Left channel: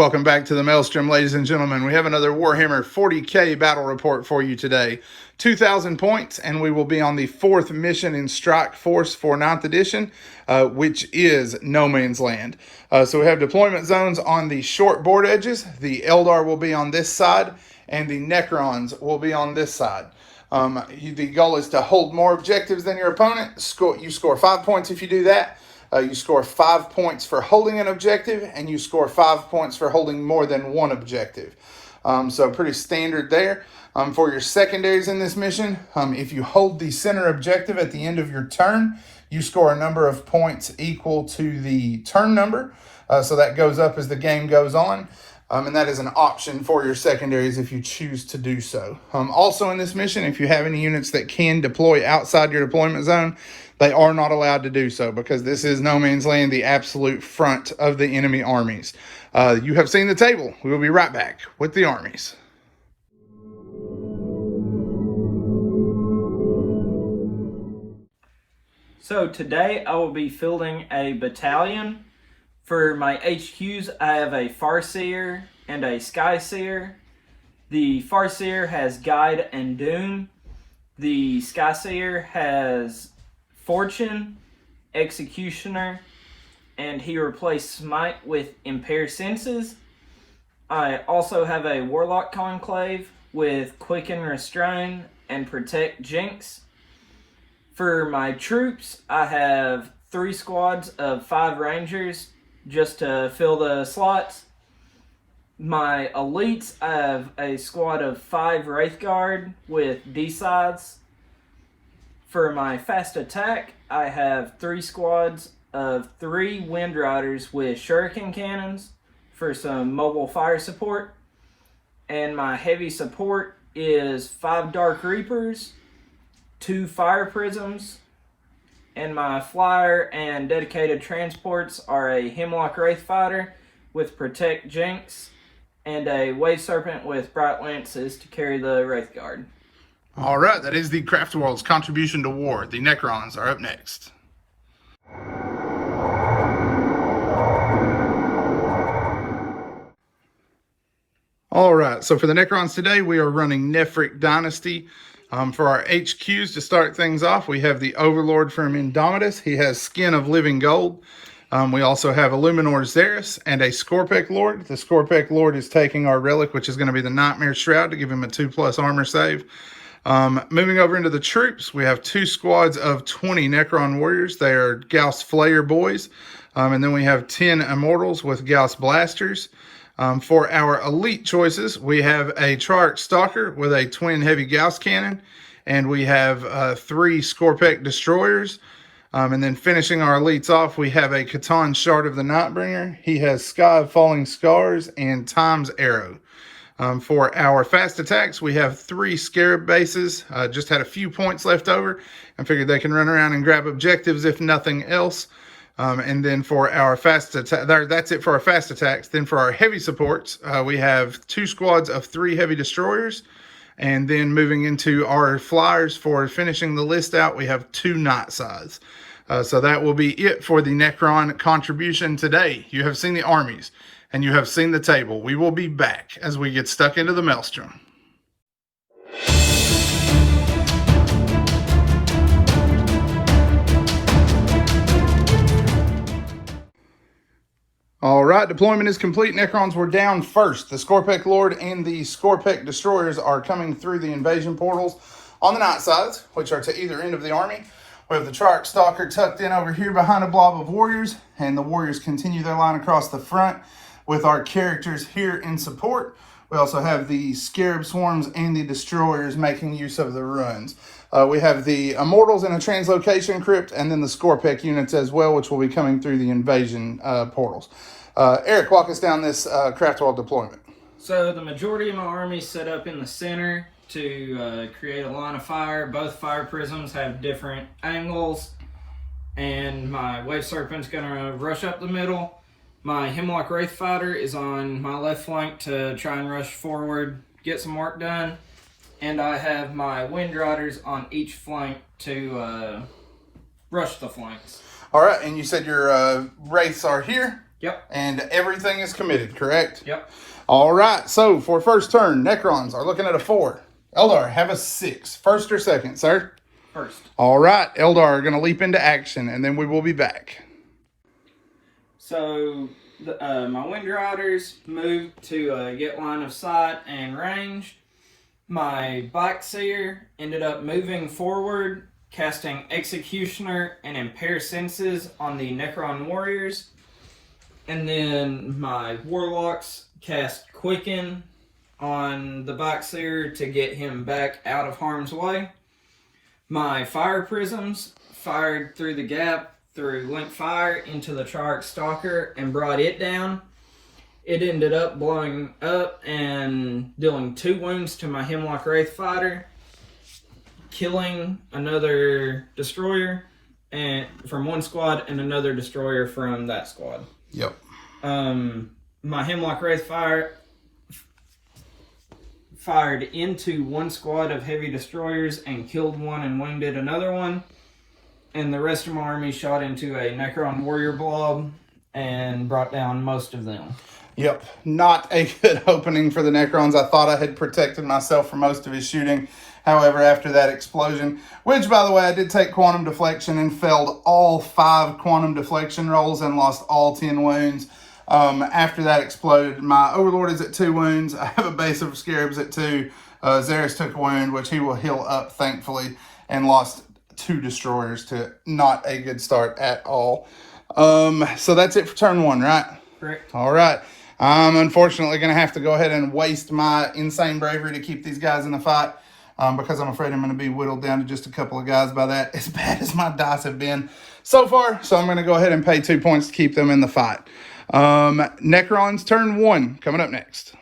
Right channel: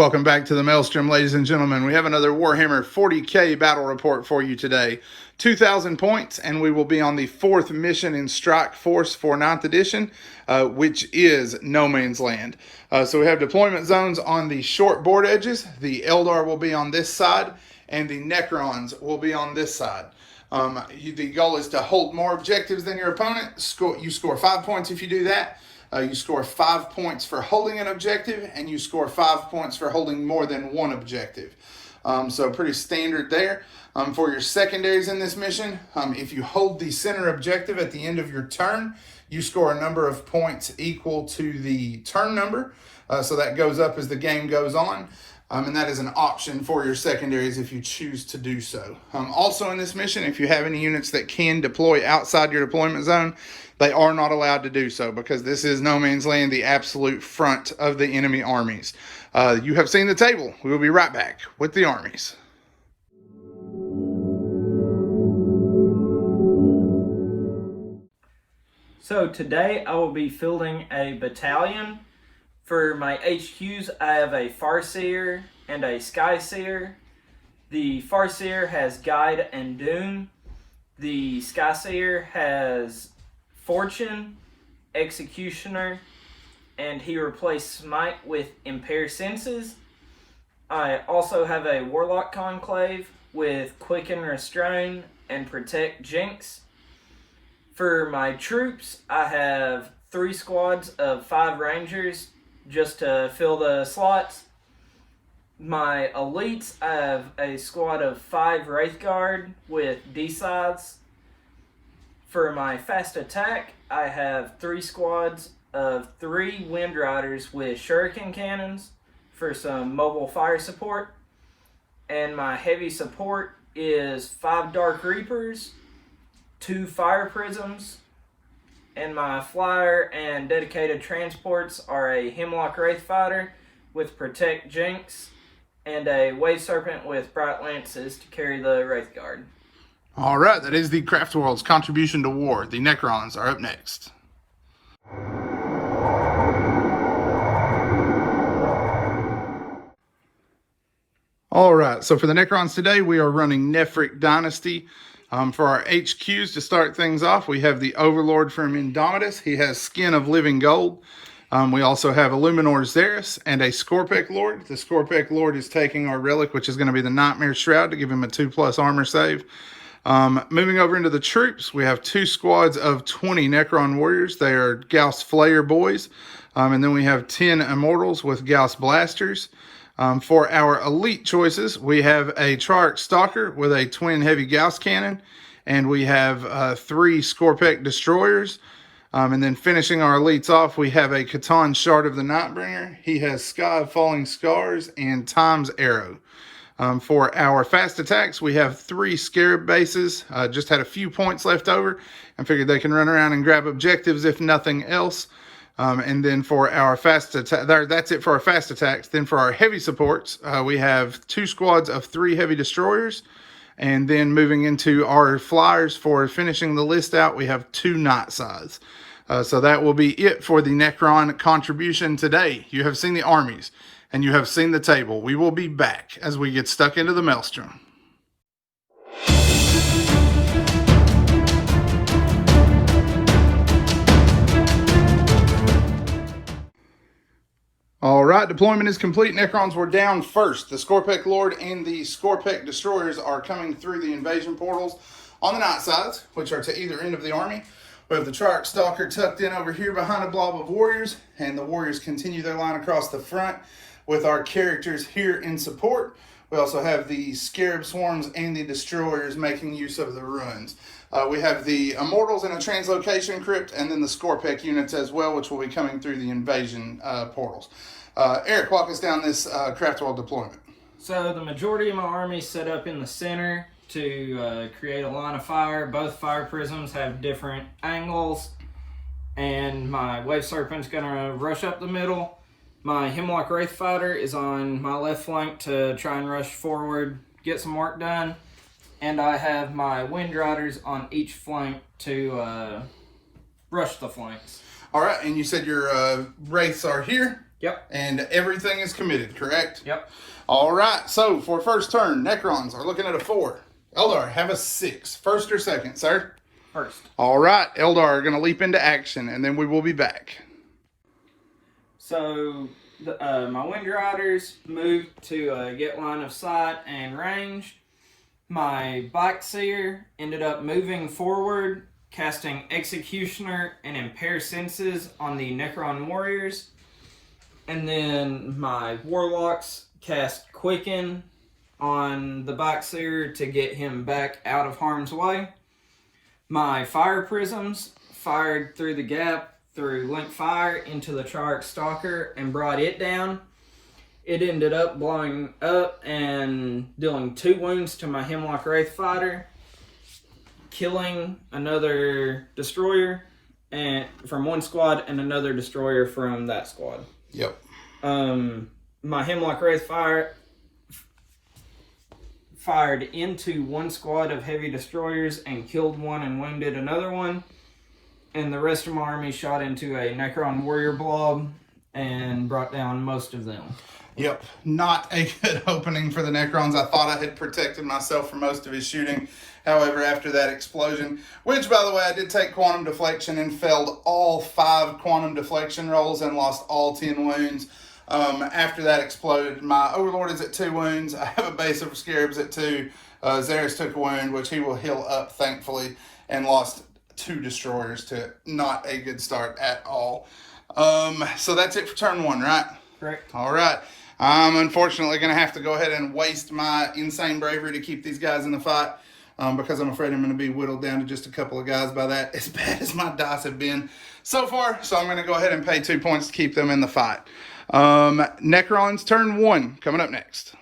Welcome back to the Maelstrom, ladies and gentlemen. We have another Warhammer 40K battle report for you today. 2,000 points, and we will be on the 4th mission in Strike Force for 9th edition, which is No Man's Land. So we have deployment zones on the short board edges. The Eldar will be on this side, and the Necrons will be on this side. The goal is to hold more objectives than your opponent. You score 5 points if you do that. You score 5 points for holding an objective, and you score 5 points for holding more than one objective. So pretty standard there. For your secondaries in this mission, if you hold the center objective at the end of your turn, you score a number of points equal to the turn number. So that goes up as the game goes on. And that is an option for your secondaries if you choose to do so. Also in this mission, if you have any units that can deploy outside your deployment zone, they are not allowed to do so because this is No Man's Land, the absolute front of the enemy armies. You have seen the table. We will be right back with the armies. So today I will be fielding a battalion. For my HQs, I have a Farseer and a Skyseer. The Farseer has Guide and Doom. The Skyseer has Fortune, Executioner, and he replaced Smite with Impair Senses. I also have a Warlock Conclave with Quicken Restrain and Protect Jinx. For my troops, I have 3 squads of 5 Rangers just to fill the slots. My elites, I have a squad of 5 Wraithguard with D-sides. For my fast attack, I have 3 squads of 3 Wind Riders with Shuriken cannons for some mobile fire support. And my heavy support is 5 Dark Reapers, 2 Fire Prisms, and my flyer and dedicated transports are a Hemlock Wraithfighter with Protect Jinx and a Wave Serpent with Bright Lances to carry the Wraithguard. All right, that is the Craftworlds contribution to war. The Necrons are up next. All right, so for the Necrons today, we are running Nephric Dynasty. For our HQs to start things off, we have the Overlord from Indomitus. He has Skin of Living Gold. We also have Illuminor Xeris and a Scorpek Lord. The Scorpek Lord is taking our relic, which is going to be the Nightmare Shroud, to give him a 2+ armor save. Moving over into the troops, we have 2 squads of 20 Necron Warriors. They are Gauss Flayer boys. And then we have 10 Immortals with Gauss Blasters. For our elite choices, we have a Trarch Stalker with a twin heavy Gauss cannon, and we have 3 Scorpek Destroyers. And then finishing our elites off, we have a Catan Shard of the Nightbringer. He has Sky of Falling Scars and Time's Arrow. For our fast attacks, we have 3 Scarab bases. Just had a few points left over and figured they can run around and grab objectives if nothing else. And then for our fast attack, that's it for our fast attacks. Then for our heavy supports, we have 2 squads of 3 heavy destroyers. And then moving into our flyers for finishing the list out, we have 2 Night Sides. So that will be it for the Necron contribution today. You have seen the armies and you have seen the table. We will be back as we get stuck into the Maelstrom. All right, deployment is complete. Necrons were down first. The Scorpek Lord and the Scorpek Destroyers are coming through the invasion portals on the night sides, which are to either end of the army. We have the Trarch Stalker tucked in over here behind a blob of warriors, and the warriors continue their line across the front with our characters here in support. We also have the Scarab Swarms and the Destroyers making use of the ruins. We have the Immortals in a translocation crypt, and then the Scorpek units as well, which will be coming through the invasion portals. Eric, walk us down this Craftworld deployment. So the majority of my army set up in the center to create a line of fire. Both fire prisms have different angles, and my Wave Serpent's going to rush up the middle. My Hemlock Wraithfighter is on my left flank to try and rush forward, get some work done. And I have my Wind Riders on each flank to rush the flanks. All right, and you said your Wraiths are here? Yep. And everything is committed, correct? Yep. All right, so for first turn, Necrons are looking at a 4. Eldar have a 6. First or second, sir? First. All right, Eldar are going to leap into action, and then we will be back. So my Wind Riders moved to get line of sight and range. My Bike Seer ended up moving forward, casting Executioner and Impair Senses on the Necron Warriors. And then my Warlocks cast Quicken on the Bike Seer to get him back out of harm's way. My Fire Prisms fired through the gap through link fire into the Triarch Stalker and brought it down. It ended up blowing up and dealing 2 wounds to my Hemlock Wraith Fighter, killing another destroyer and from one squad and another destroyer from that squad. Yep. My Hemlock Wraith fired into one squad of heavy destroyers and killed one and wounded another one. And the rest of my army shot into a Necron warrior blob and brought down most of them. Yep, not a good opening for the Necrons. I thought I had protected myself from most of his shooting. However, after that explosion, which, by the way, I did take quantum deflection and failed all 5 quantum deflection rolls and lost all 10 wounds. After that exploded, my Overlord is at 2 wounds. I have a base of Scarabs at 2. Xeris took a wound, which he will heal up, thankfully, and lost 2 destroyers to it. Not a good start at all. So that's it for turn 1, right? Correct. All right. I'm unfortunately going to have to go ahead and waste my insane bravery to keep these guys in the fight because I'm afraid I'm going to be whittled down to just a couple of guys by that, as bad as my dice have been so far. So I'm going to go ahead and pay 2 points to keep them in the fight. Necrons turn 1 coming up next.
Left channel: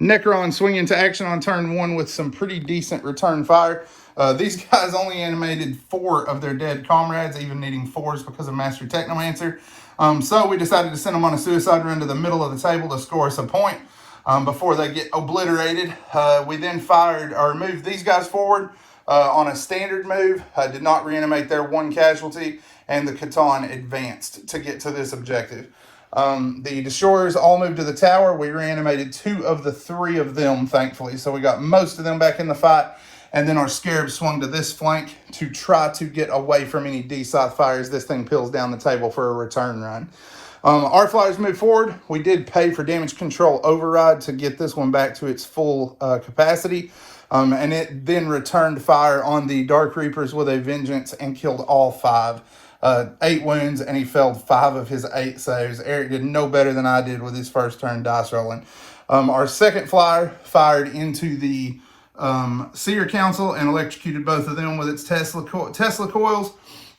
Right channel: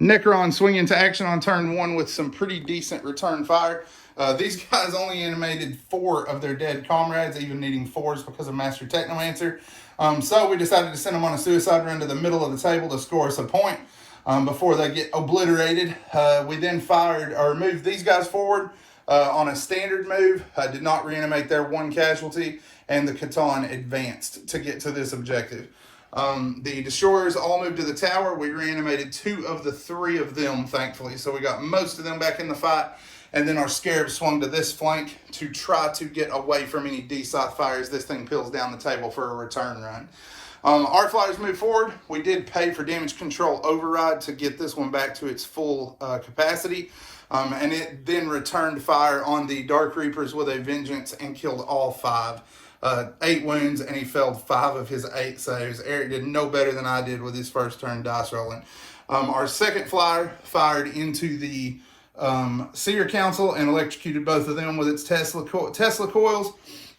Necron swing into action on turn 1 with some pretty decent return fire. These guys only animated 4 of their dead comrades, even needing 4s because of Master Technomancer. So we decided to send them on a suicide run to the middle of the table to score us a point before they get obliterated. We then fired or moved these guys forward on a standard move. Did not reanimate their 1 casualty, and the Catan advanced to get to this objective. The destroyers all moved to the tower. We reanimated 2 of the 3 of them, thankfully. So we got most of them back in the fight. And then our Scarab swung to this flank to try to get away from any D-side fires. This thing peels down the table for a return run. Our flyers moved forward. We did pay for damage control override to get this one back to its full capacity. And it then returned fire on the Dark Reapers with a vengeance and killed all 5. 8 wounds, and he failed 5 of his 8 saves. Eric did no better than I did with his first turn dice rolling. Our second flyer fired into the Seer Council and electrocuted both of them with its Tesla coils.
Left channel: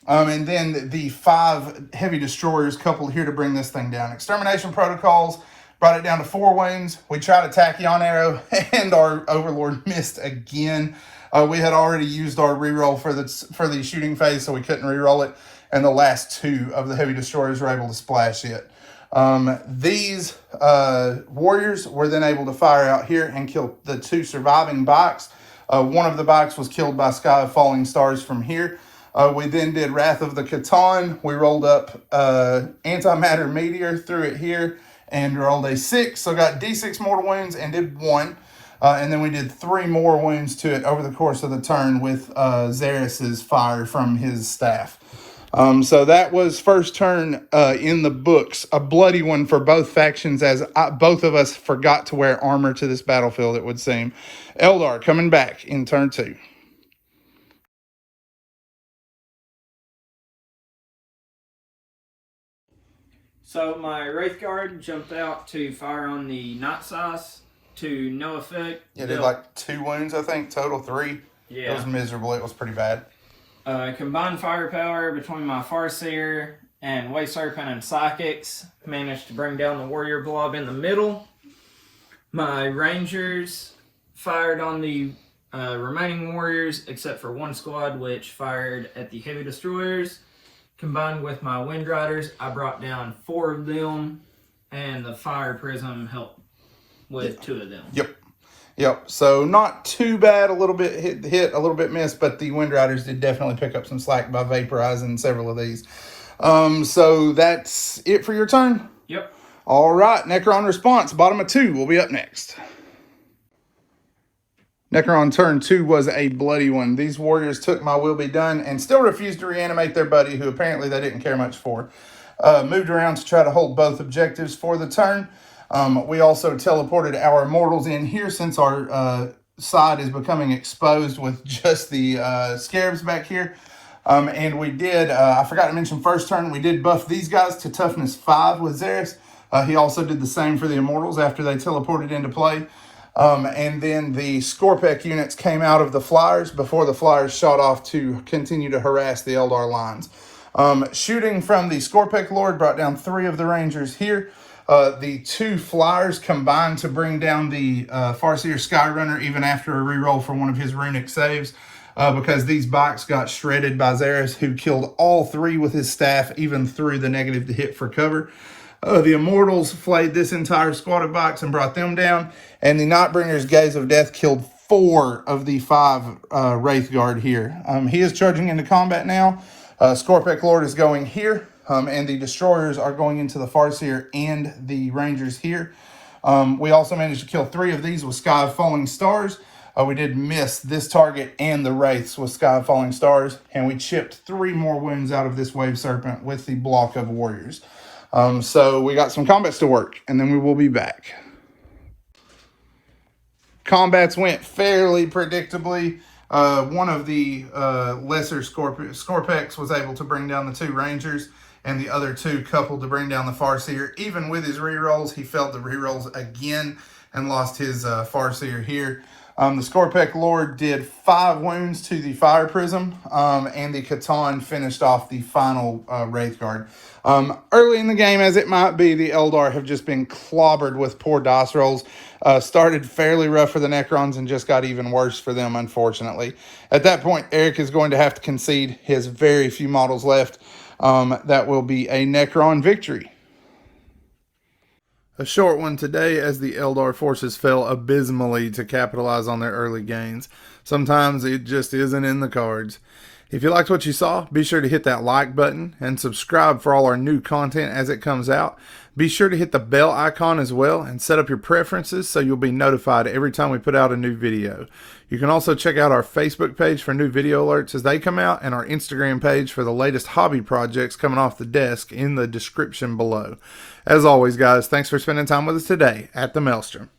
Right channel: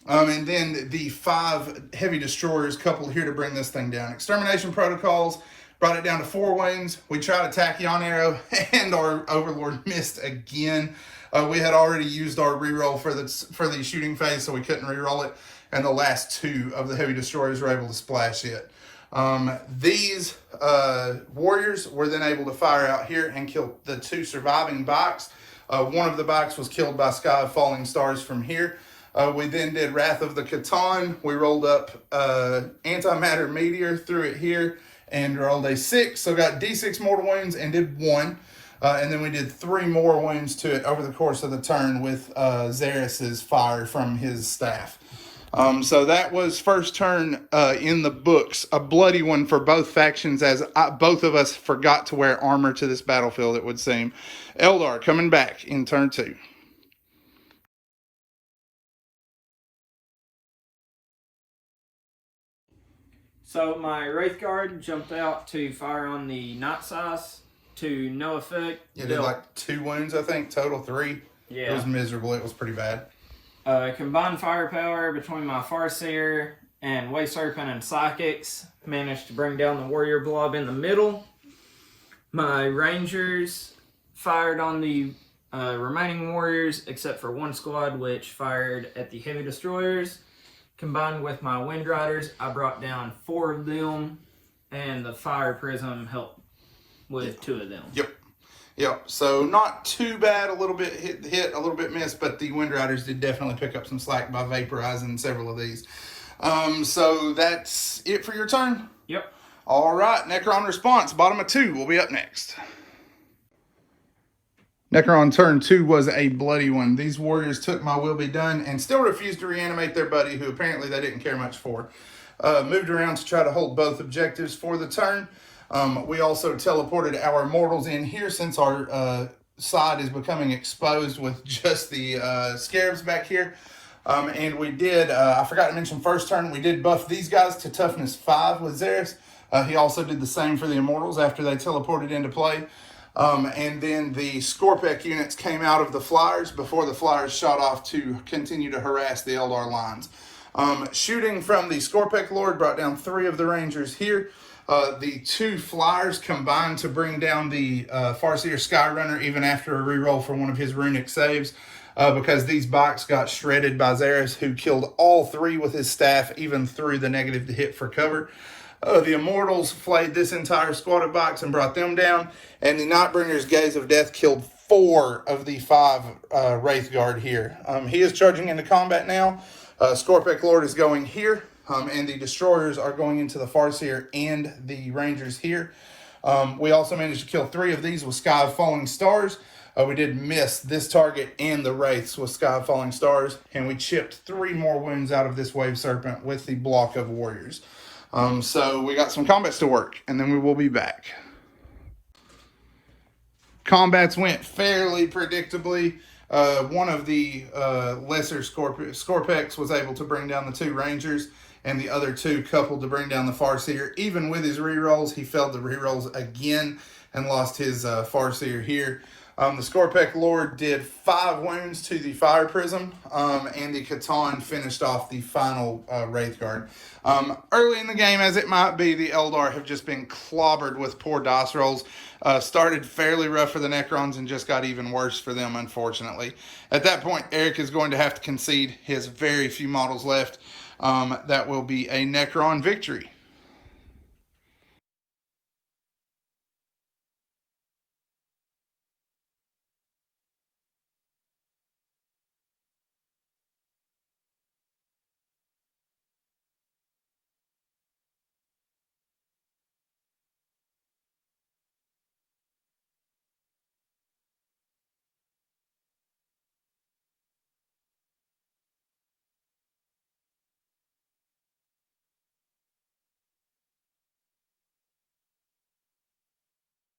And then the 5 heavy destroyers coupled here to bring this thing down. Extermination protocols brought it down to 4 wounds. We tried a tachyon arrow, and our Overlord missed again. We had already used our reroll for the shooting phase, so we couldn't reroll it. And the last 2 of the heavy destroyers were able to splash it. These warriors were then able to fire out here and kill the 2 surviving bikes. One of the bikes was killed by Sky of Falling Stars from here. We then did Wrath of the Catan. We rolled up Antimatter Meteor, threw it here, and rolled a 6. So got D6 mortal wounds and did 1. And then we did 3 more wounds to it over the course of the turn with Xeris's fire from his staff. So that was first turn in the books. A bloody one for both factions, as both of us forgot to wear armor to this battlefield, it would seem. Eldar coming back in turn 2. So my Wraith Guard jumped out to fire on the Night Size to no effect. Yeah, did like 2 wounds, I think, total 3. Yeah. It was miserable. It was pretty bad. Combined firepower between my Farseer and Way Serpent and Psychics managed to bring down the Warrior Blob in the middle. My Rangers fired on the remaining Warriors, except for 1 squad, which fired at the Heavy Destroyers. Combined with my Wind Riders, I brought down 4 of them, and the Fire Prism helped with 2 of them. Yep, so not too bad, a little bit hit, a little bit missed, but the Wind Riders did definitely pick up some slack by vaporizing several of these. So that's it for your turn? Yep. All right, Necron response, bottom of 2 will be up next. Necron turn 2 was a bloody one. These warriors took my will be done and still refused to reanimate their buddy, who apparently they didn't care much for. Moved around to try to hold both objectives for the turn. We also teleported our immortals in here since our side is becoming exposed with just the scarabs back here. And we did, I forgot to mention first turn, we did buff these guys to toughness 5 with Xeris. He also did the same for the immortals after they teleported into play. And then the Scorpek units came out of the flyers before the flyers shot off to continue to harass the Eldar lines. Shooting from the Scorpek Lord brought down 3 of the Rangers here. The 2 flyers combined to bring down the Farseer Skyrunner even after a reroll for one of his runic saves. Because these bikes got shredded by Xeris, who killed all 3 with his staff, even through the negative to hit for cover. The Immortals flayed this entire squad of bikes and brought them down. And the Nightbringer's Gaze of Death killed 4 of the 5 Wraith Guard here. He is charging into combat now. Scorpek Lord is going here. And the Destroyers are going into the Farseer and the Rangers here. We also managed to kill 3 of these with Sky of Falling Stars. We did miss this target and the Wraiths with Sky of Falling Stars. And we chipped 3 more wounds out of this Wave Serpent with the block of Warriors. So we got some combats to work, and then we will be back. Combats went fairly predictably. One of the lesser Scorpeks was able to bring down the 2 Rangers, and the other 2 coupled to bring down the Farseer. Even with his rerolls, he failed the rerolls again and lost his Farseer here. The Scorpek Lord did 5 wounds to the Fire Prism, and the Catan finished off the final Wraith Guard. Early in the game, as it might be, the Eldar have just been clobbered with poor dice rolls. Started fairly rough for the Necrons and just got even worse for them, unfortunately. At that point, Eric is going to have to concede his very few models left. That will be a Necron victory. A short one today, as the Eldar forces fell abysmally to capitalize on their early gains. Sometimes it just isn't in the cards. If you liked what you saw, be sure to hit that like button and subscribe for all our new content as it comes out. Be sure to hit the bell icon as well and set up your preferences so you'll be notified every time we put out a new video. You can also check out our Facebook page for new video alerts as they come out, and our Instagram page for the latest hobby projects coming off the desk in the description below. As always, guys, thanks for spending time with us today at the Maelstrom.